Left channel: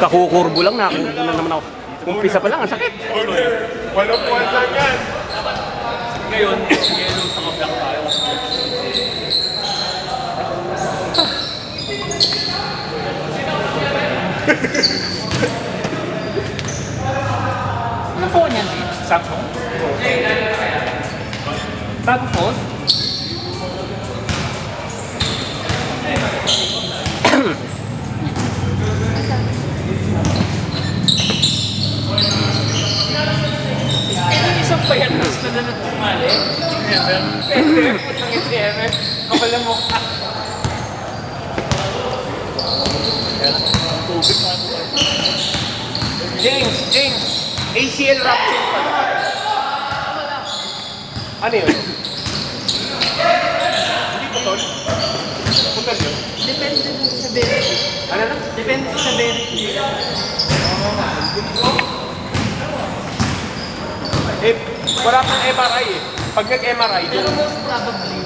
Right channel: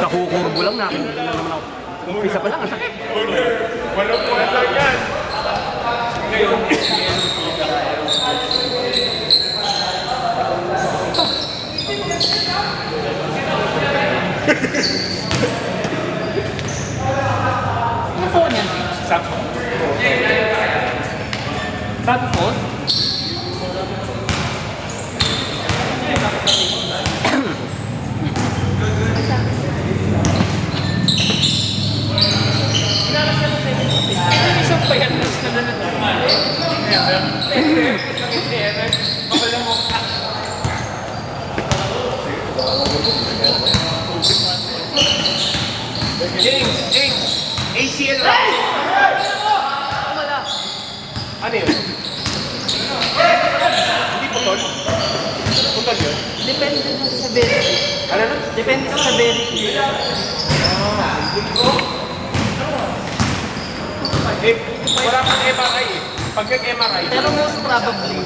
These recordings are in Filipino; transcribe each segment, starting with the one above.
Kakukurbo lang na. Ano naman ako. Umpisa pa lang, ang sakit. Walang puwan lang yan. Ngayon, meron sa kablang tayo. Ano phone yan? Samsung? Bago phone? Isang payatas na na nagkumali. Makala mo. James, ACL rocket. Ano yun? Hindi putol? Putol yun? Ano na? Depende sa benefit. Eh, wala kang MRI eh. Pag nag-MRI, Pero most probably,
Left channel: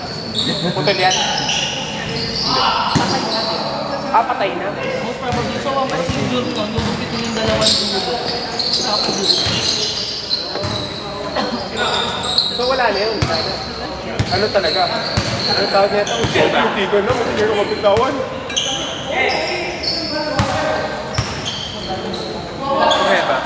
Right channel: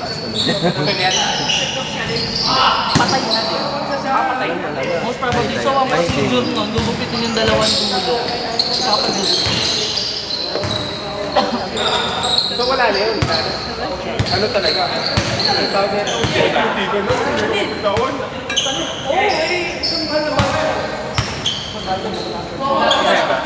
putol yan. patay na. Patay na. Most probably. So, ang procedure nun, lubuti ko yung dalawang dulo. Tapos, So wala na yun. Ano talaga? Ang tawag nito, dito na, hindi ko magkawan. Okay ba?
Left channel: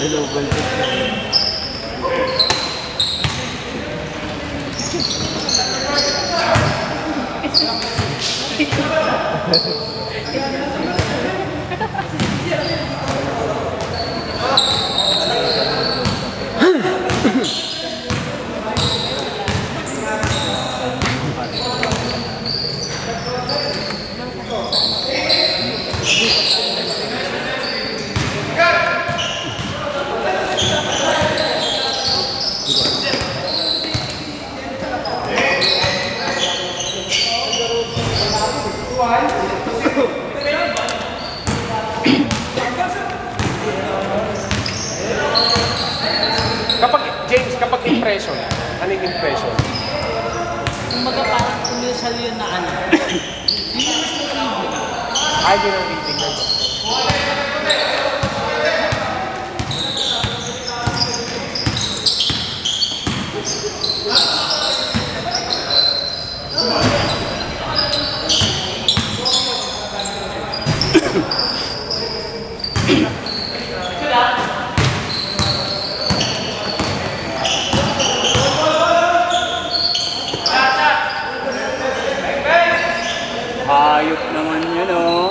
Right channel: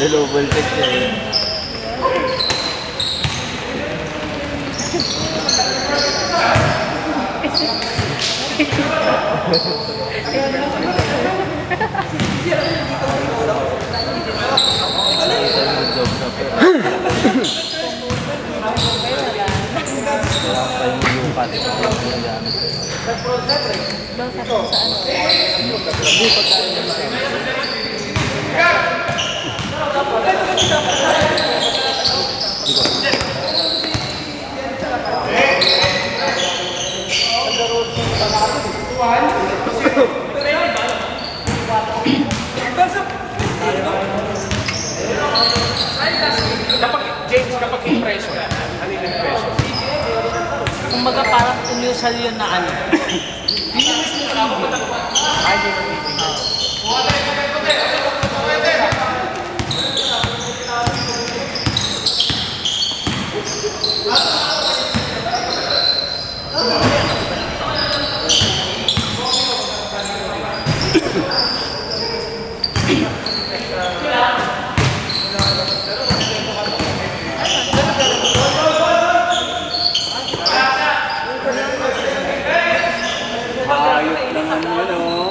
Hello, voltage. Kapag, James, kapag impression, ano yung impression? kumbaga parang umusal yun na ano. Ano yung reading? Hayop naman yun, oh.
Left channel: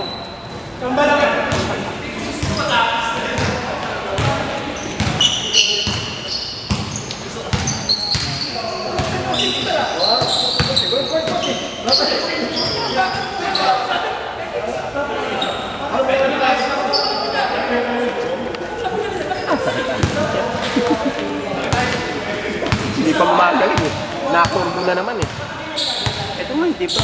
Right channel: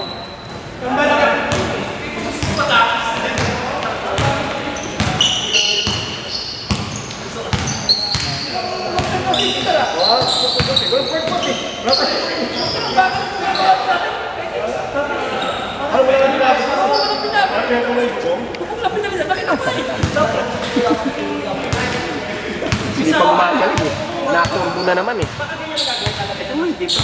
Hindi pa gumagaling eh. Naturbo na naman eh. Ito man, dito.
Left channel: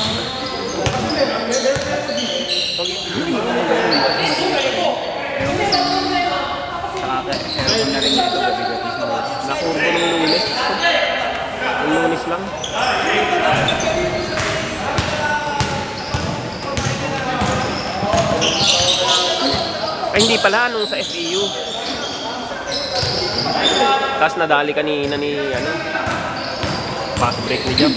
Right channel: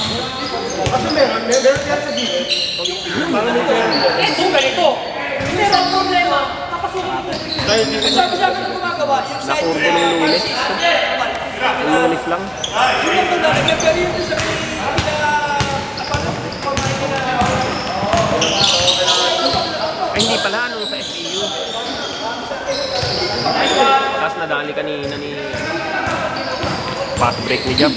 Naturbo nung Lunes. Nung Lunes lang. Ay, hindi pala. Ano sa SEU. Tapos nadali kanina ni ano, fast break ni Jam.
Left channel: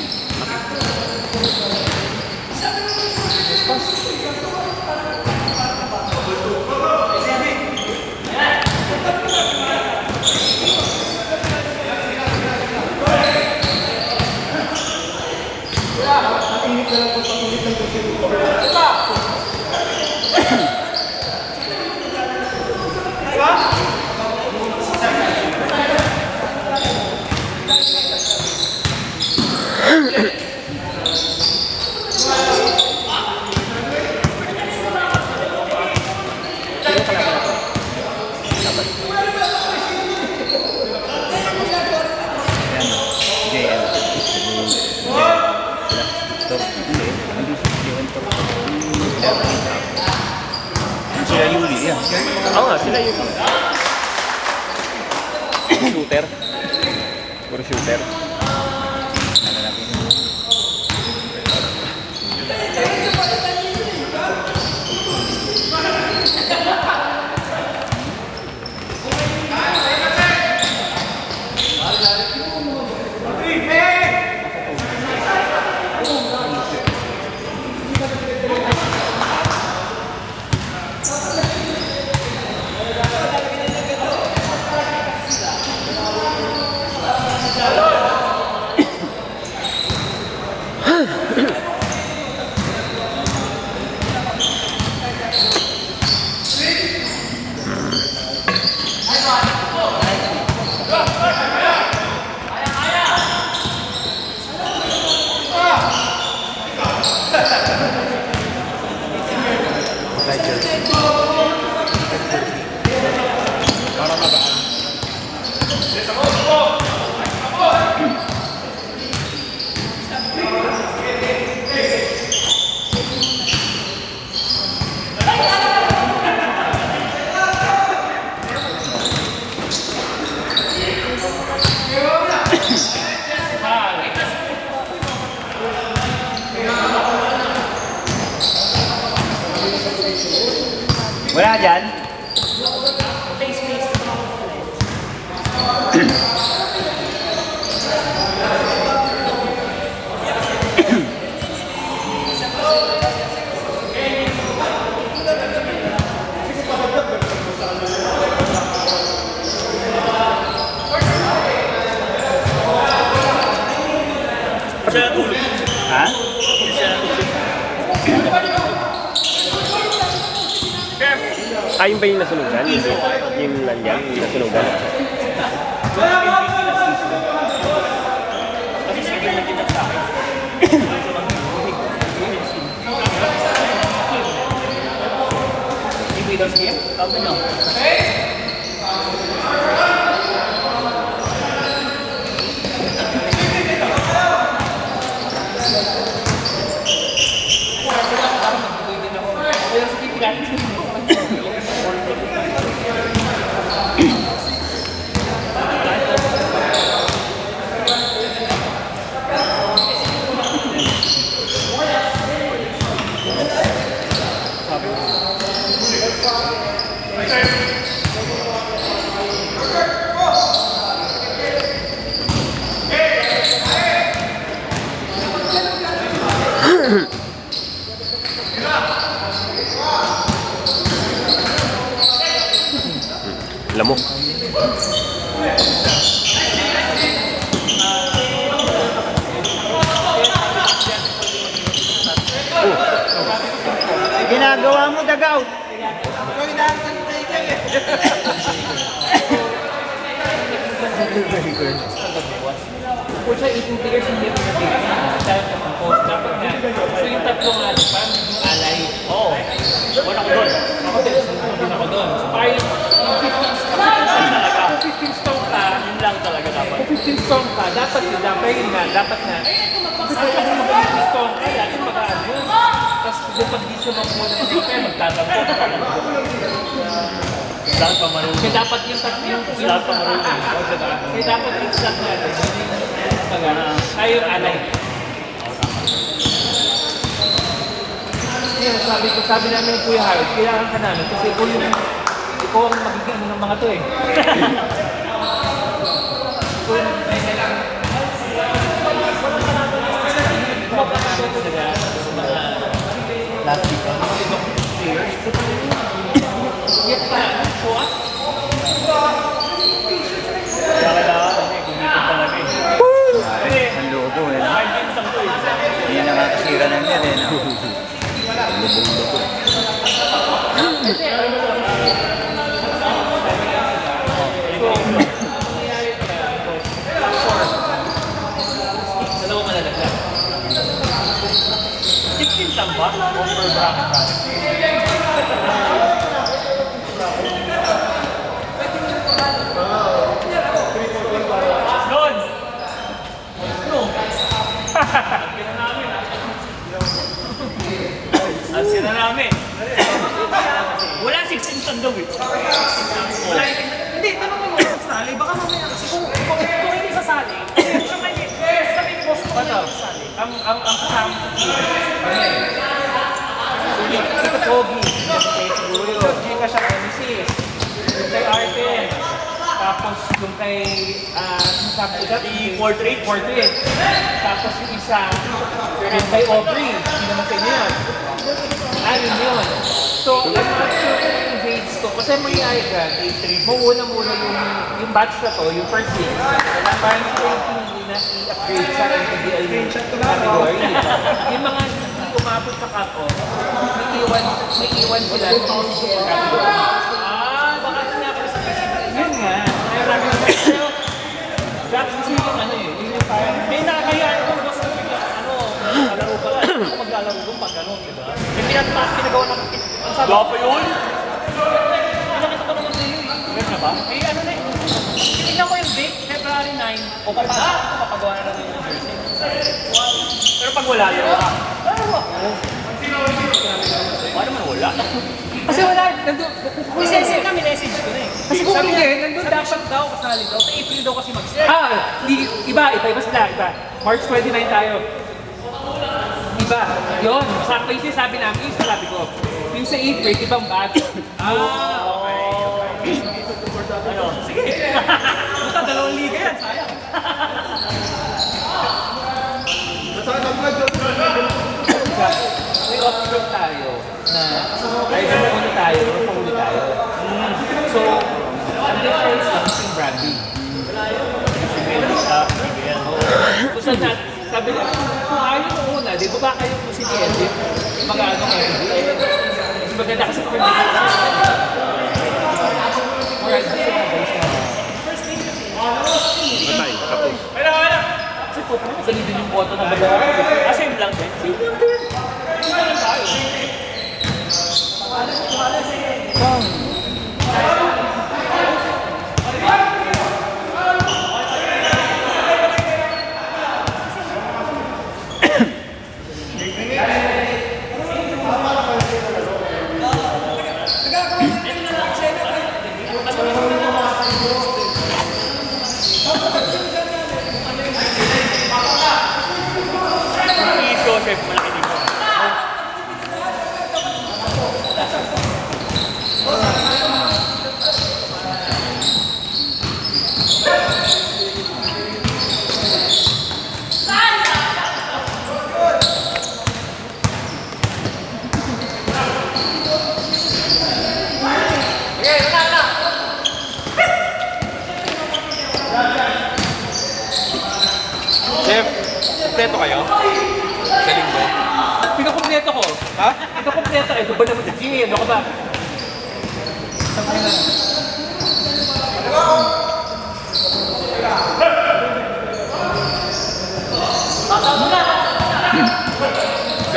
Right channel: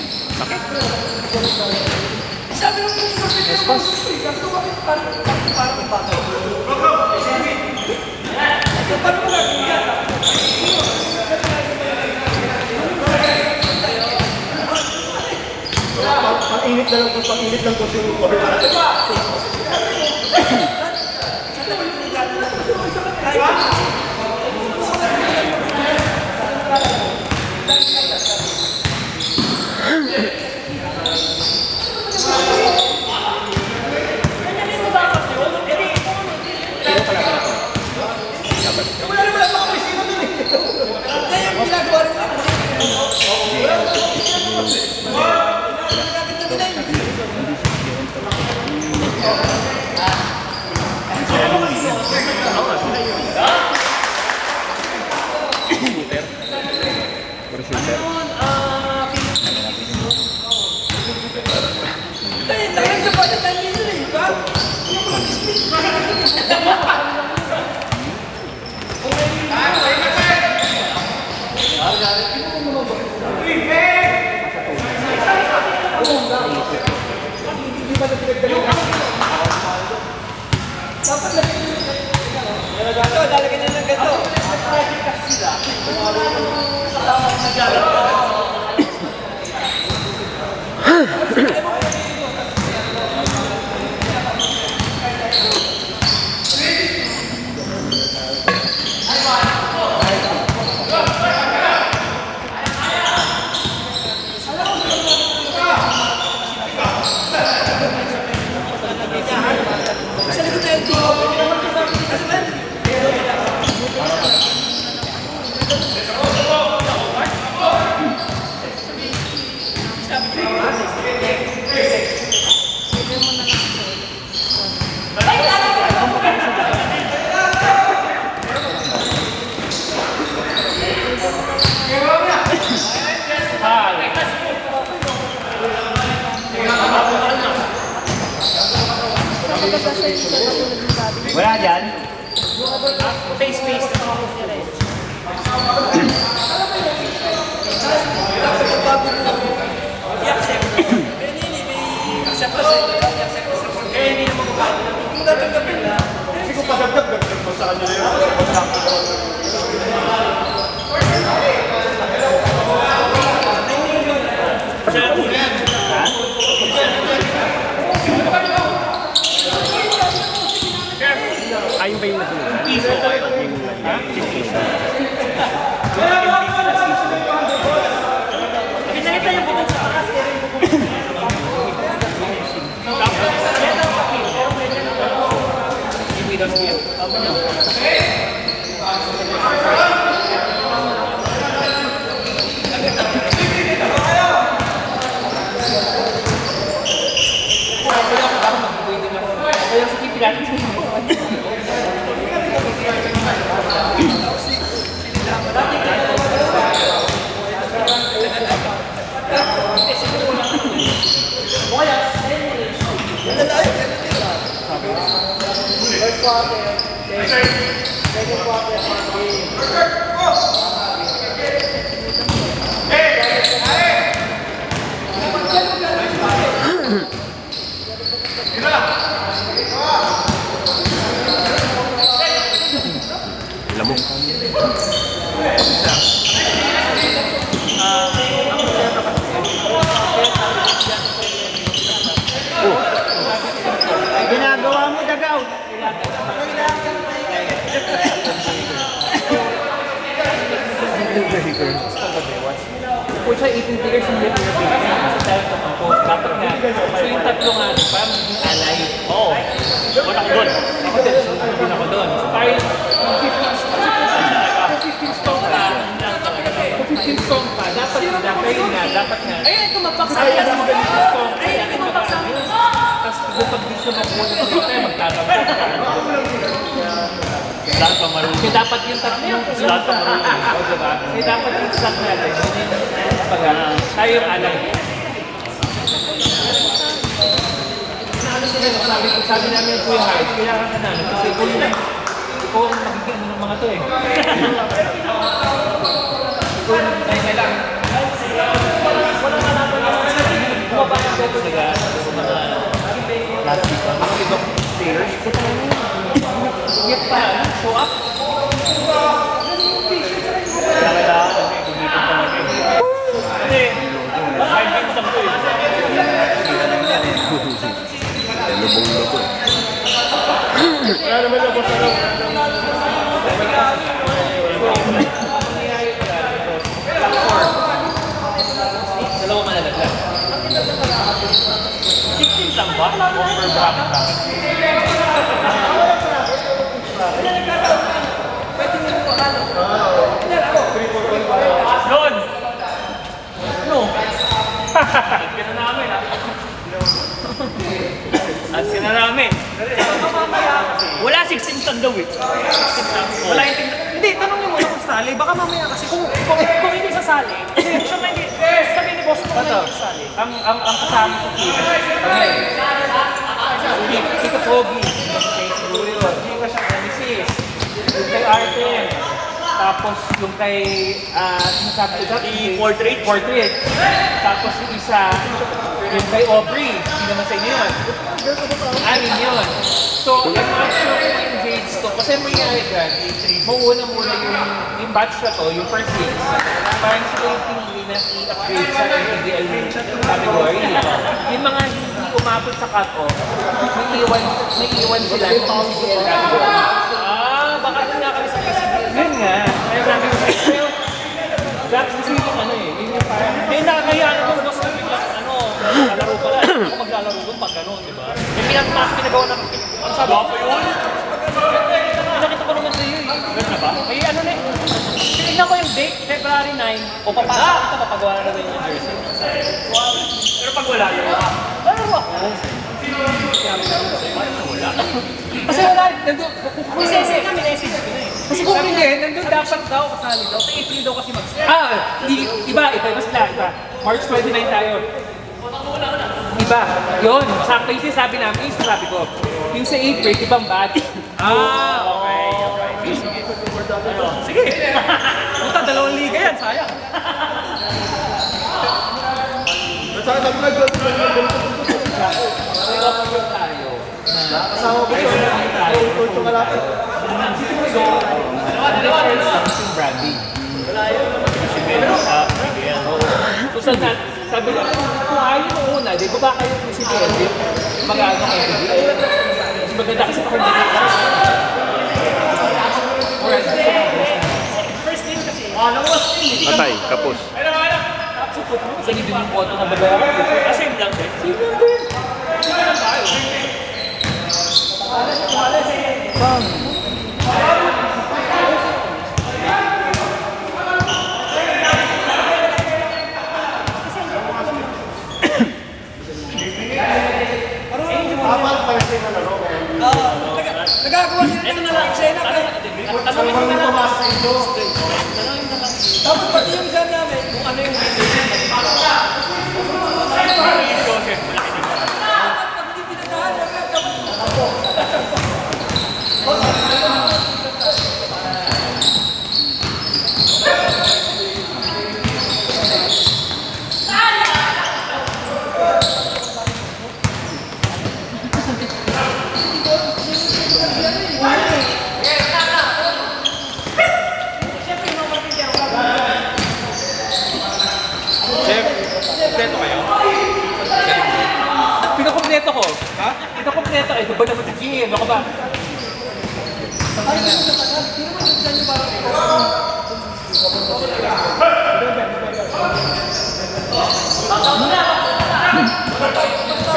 Wala dyan? Ha? Ayun ba yung nasunugan? Iso kayo. Yung langgam, yung sunugan. Lamok. Ginagawa mo, Dagaw. Kung sa 18 years hindi mo dapat nga. So yung tatlo nga, paano yung alay? Oo. Wala ko doon. Ako din, nandun ako doon. So parang yung 15 stone ka, kung 15 stone ka, dapat yun nga, dapat nga. Kung ano mo 15 stone ka, kung magkano yun. Tapos kung pag gusto mo muna ng dito, magtabang ka. Lahat pa marunong. Kasi dapat yung tatlo yung Lahat pa marunong. Kasi dapat yung slot natin. Tayo yung alay. Ngayon, sabi namin yung Kuya Hart, kailangan ka namin. Kasi ikaw ang magiging ano ng mga to eh. Ikaw yung kailangan. Walang malaman na bumaba ka siya talaga sa mga last week. Mga ibang players. Ito na yun. Yes pa. So up. Kaya kailangan kasi kumipin talaga eh. Kasi 5 games lang to eh. Lubong-lubong. Dalawa malalaglag. 16 lang ba? O per bracket? Doon! No! Kaya namin. At sila namin. Wala 16 tan daw eh. Wala, hindi, tanong mo muna sa sali. Baka mamaya kasi kung hindi sasali, Ang kasama sa team, si Katogi, kay siguro yun, hindi ka sa Nemesis, yung kay Arten, tapos yung kay, sinasabi ko dati, Si Portrait. tapos yung isa, yung kay Aubrey, hindi naman sa inyo yun. Anin yun. So, I'm not sure kung engage to, kasi mangyayari dyan, mauuna muna yung batch na to, yung first game, parang sila yung pinili na i-upgrade sa NPBL category. Yung mga hindi umabot sa cut-off, may iwan sila sa NPBL category. Baka sila kasi Yun nga. That's the reason ano eh. Yung parang, may nakakayaan kung boss na biglang kalaro pala. Ako maglalaro doon pag gano'n, di ba? May pinagawa ng ang sabi ko yun. Nakita ko naman sa'yo eh. Meron na ba? ay ano na tingnan ko yung date, February 9, o papagawa na rin yung jersey. wala yun. Laro ako. Kasi wala, nandun, Message ka, minessage ko na eh. kasi kung hindi, nandun Sabi dapat shoot daw, kasali daw. Sa April daw kasi mag-start. iba sila, iba. March 29 tayo. Iba, yun, sakto yung sabi namin, yung sabi ko. Yung sa April, ibang batch. Ano? Sige. Puta, 2 liga yan, sayang. May option tayo na kahit naman tayo, so, ang difference lang si branding. Kasi meron sa PBL. So, sabi ko, kung ayaw mo una, di ba ba kayo kung si Edit, mag-ano kayo? Maganda kasi kung hindi ka. Alright, so, Atay, tapos. kasi po, ganun din yung boto na babayaran. Kasi yun lang din. Kompleto kayo? Pinakompleto ko. Ha? Pinakompleto. Eh, ba naman sige, ano ka ba?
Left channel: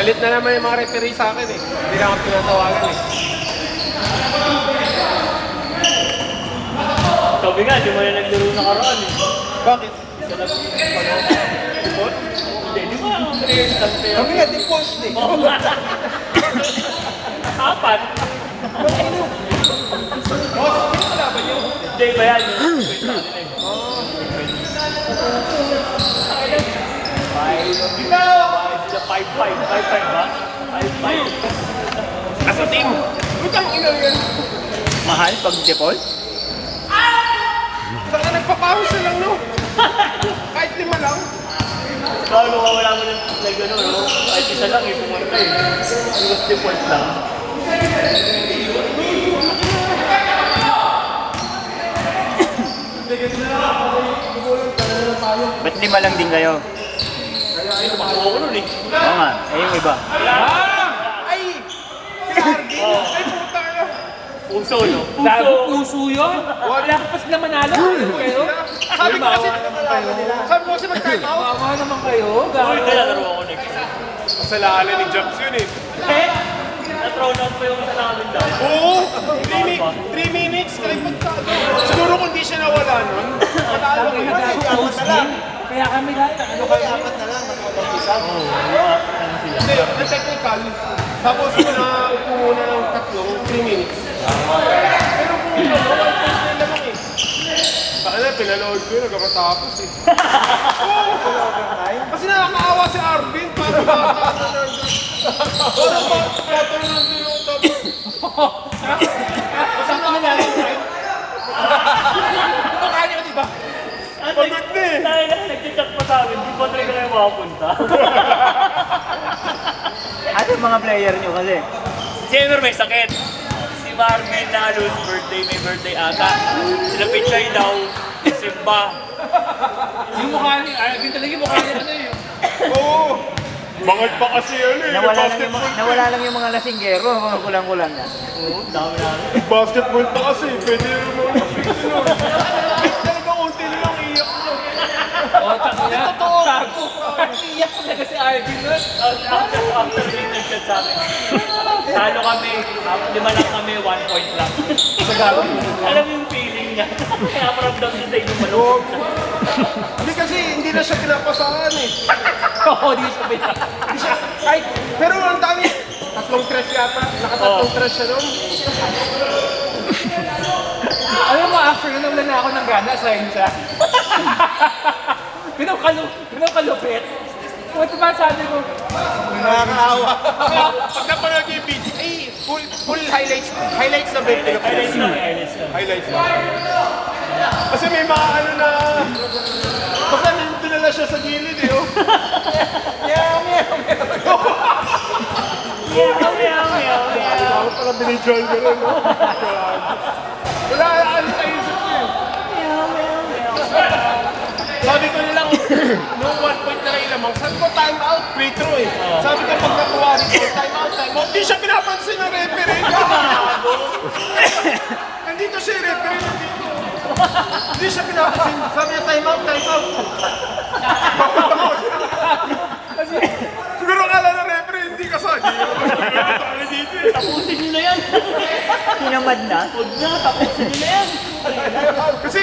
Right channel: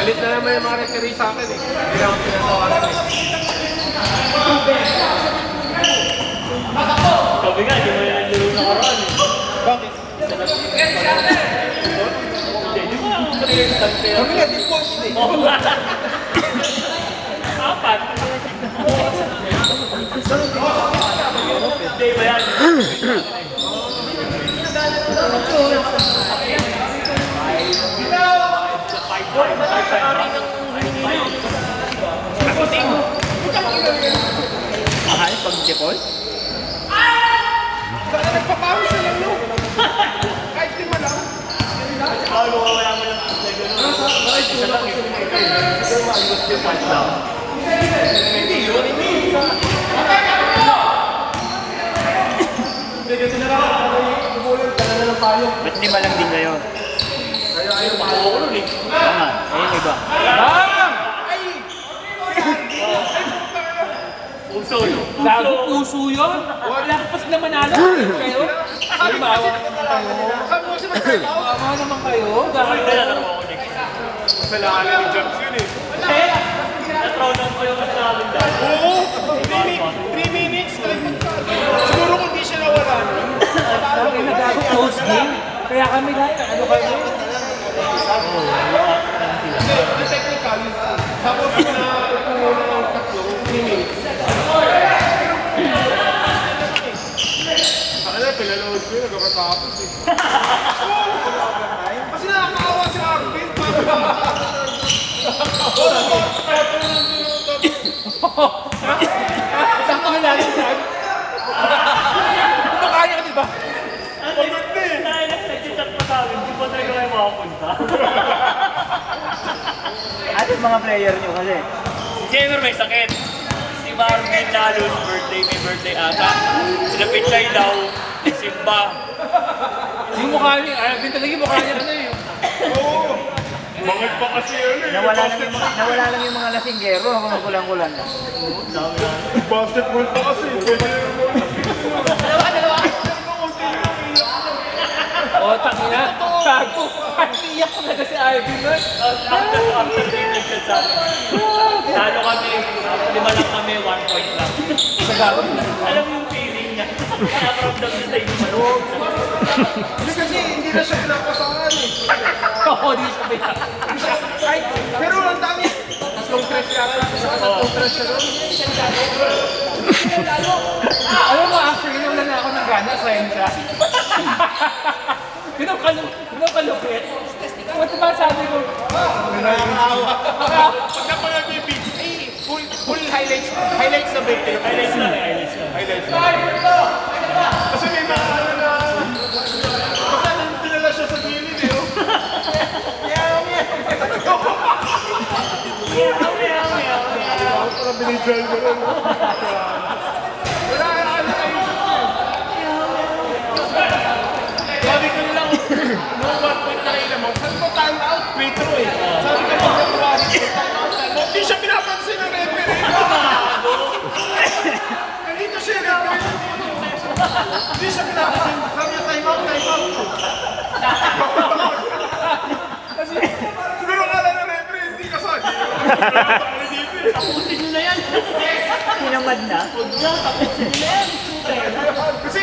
Galit na naman yung mga referee sa akin eh. Hindi na ako pinatawaran eh. Sabi nga, di mo na naglaro sa karoon eh. Bakit? Isa na support? Hindi, di ba ang players lang pero... Kami nga, default eh. Oo nga. Apat. Hindi ba yan? Mahal pag depol? Baka nagpapawis na lang no? Kahit lima lang. Paano ka wala mo ng gano'n? Kahit isa lang eh. Ayos difference lang. Ba't lima lang din kayo? Ay, tumakbo ko nun eh. Oo nga, ayun iba. Puso, no? Gago puso yun. Wala ka kasi naman alam. Kayo? Ay, maawa naman kayo. Saan mo sila nagpapawis? Maawa naman kayo. Gago. Kasalanan ni Jax yun eh. Eh, na-thrown out mo yung isa namin daw. Oo! 3 minutes na siguro kung di siya nawala nun. Matalo ko yun. Hindi apat na lang. Kaya kami lahat. Ano kayo? Apat na lang. Oo, ano sila. Hindi, technical. Tapos ko na kumuna ng tatlong 3 minutes. Sakala, pinaload ko yun. Nagkakatapos eh. Kasi nakakaawa si Arvin. Parang bakit na lang tinutap. Sakto na lang. Kaya di ba? Pagod na eh. Nag-chat pa sa amin, di ba tayo na makapunta? Ano mga player nyo kasi? Si Gamer may sakit. Si Marvin Nalon, birthday, may birthday ata. Sila Pichay daw, nagsimba. Yung mukha niya, talaga yung mukha niya ano eh. Oo. Bangag pa kasi yun eh. Nawala lang yung mga lasinggero, mga kulang-kulang na. Basketball pa kasi. Pwede Otak niya. Tago. Iyak talaga si Arvin nun. After game, nag-chat sa amin. Talo kami, 5 lang kami, 1 point lang. Nagago. Alam mo yung feeling niya. Nakaramdam niya tayo gumawa. Hindi kasi hindi hindi na siya pinapasahan eh. Oo, di sa ba? Pero ang dami, tatlong press yata. Tatlong press na doon. Alam mo, after yun lang ako ng gana, assign siya. Pinakalupit. Ano ba sabi ko? Nakakaawa. Pag napanood niyo yung video, full highlights na ba yung Highlights lang. Highlights lang. Kasi may mga ano na, baka tinala siya sa gilid eh. Oh. Parang binigay mo rin. Wala ka sabi ko lang, no 1 point na kayo lamang. Sabi ko, time out, free throw eh. Sabi ko, pag nakuha rin ko, time out. Hindi siya pinapansin ng referee. Nandito siya yung referee. Hindi siya pinapansin. Sabi niya, time out, time out. Siguro kala ng referee, hindi ka sa akin. Tapusin nyo na yan. Pinamad na. Kasi,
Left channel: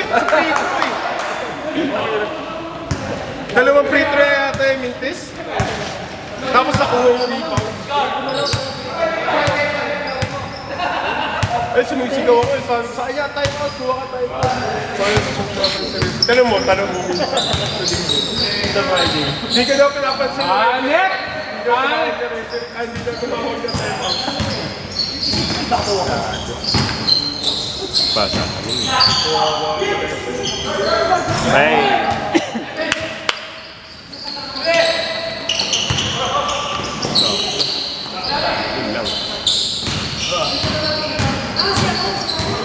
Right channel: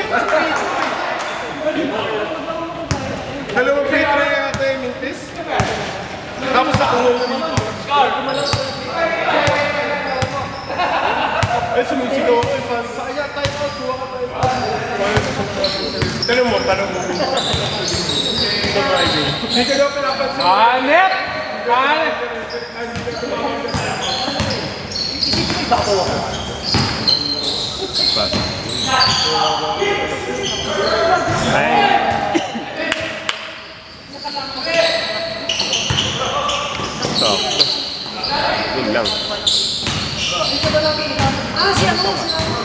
dalawang free throw yata yung mintis. Tapos nakuha yung mintis. Ay, sumisigaw ako. Sabi ko, ay, time out. Kuha ka time out. Tanong mo. Ito ba, ID? Hindi ka daw pinapansin. Net! Ay, hindi daw tumawag na time out.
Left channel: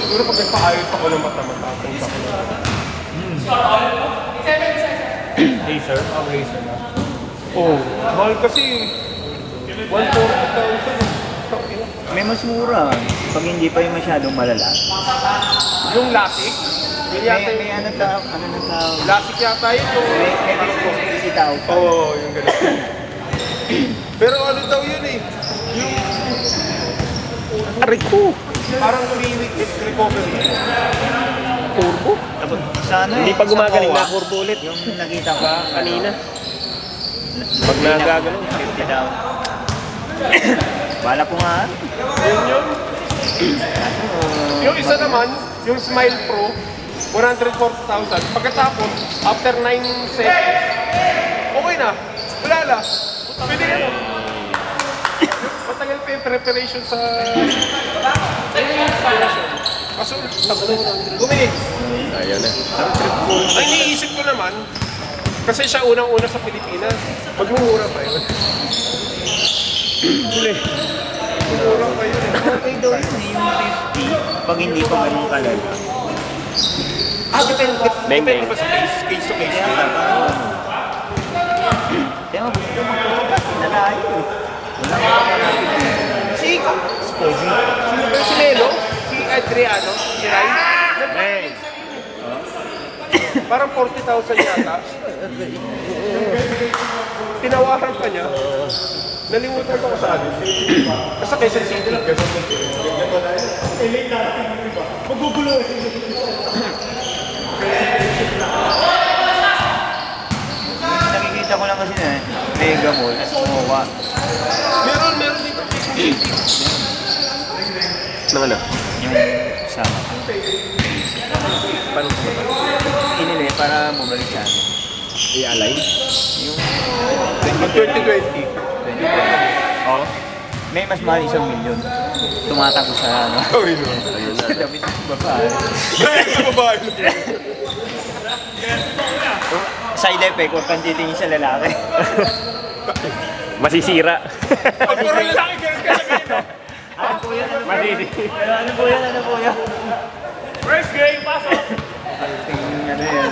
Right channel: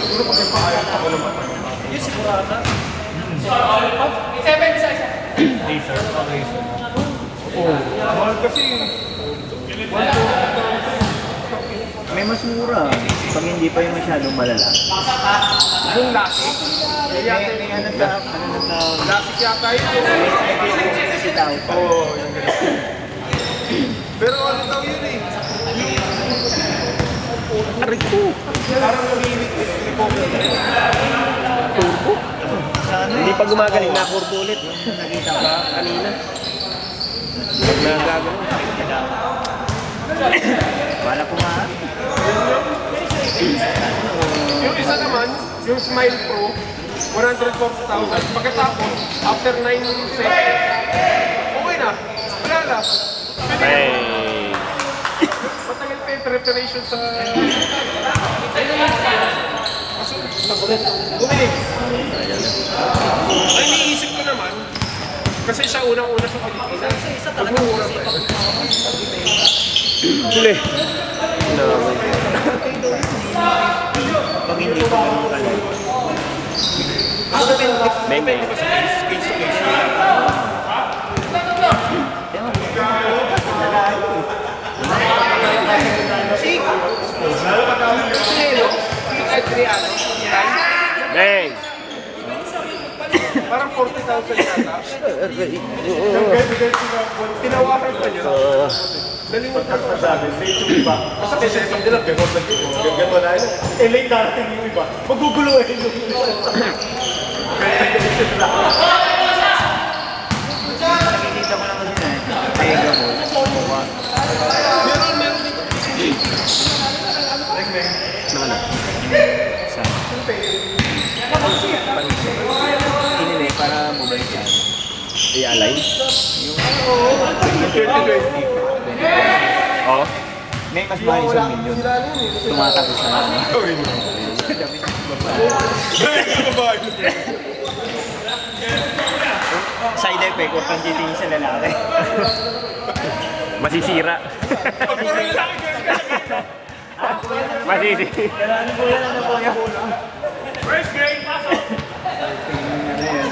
Siguro pag nagpaayos ako ng mata mo. Oh, mahal kasi. May mas mura. Pag hindi pa yung masyadong malala. Yung lucky. May ano sa, ano sa, Lucky yata yun. may 50,000. Oo. Pero ano daw yun eh. Aray ko! Parang recover. Turbo? Sana. Hindi pa gumagaling na kurbo ulit. Yung nakita ko. Kanina. Pag nagagano. Wala ko nga. Yung isa naman, yung Smile Pro, 140,000. Pagkatapos, after 9 seconds, okay na. Wala na. Matagal pa yung preparation sa... Kaso, gumilig. Ang iniisip ko naman, kasi siya unang-una sa Pilipinas, magmumura pa yun. Sili. Pag hindi pa ganun kalay. Depende ba sa face to face? Kaya, lalaki. Sinelo, Adriano, Hey. parang 40,000 yata. Tinawakan pa niya. Nalimutan ko sabi. Basta kaysa sa sila, gano'n na yun. Gano'n na yun. Late natin yung iba. Magugulo eh. Nakikita ko lang kasi may gamot. Mukha. Meron. Ano? Sa pinili para mabalik siya. I-alay? Yung 2020. Oo. may mas mahal 1,000,000. Tumatago sa ano. Sorry mo. Babae. Side effect kung pangkitingin sa lalaki. Masisira. Pag puro lalaki ka. Masisira. Ano po yan? Ano po yan? First game, pasok. Tingin na yan.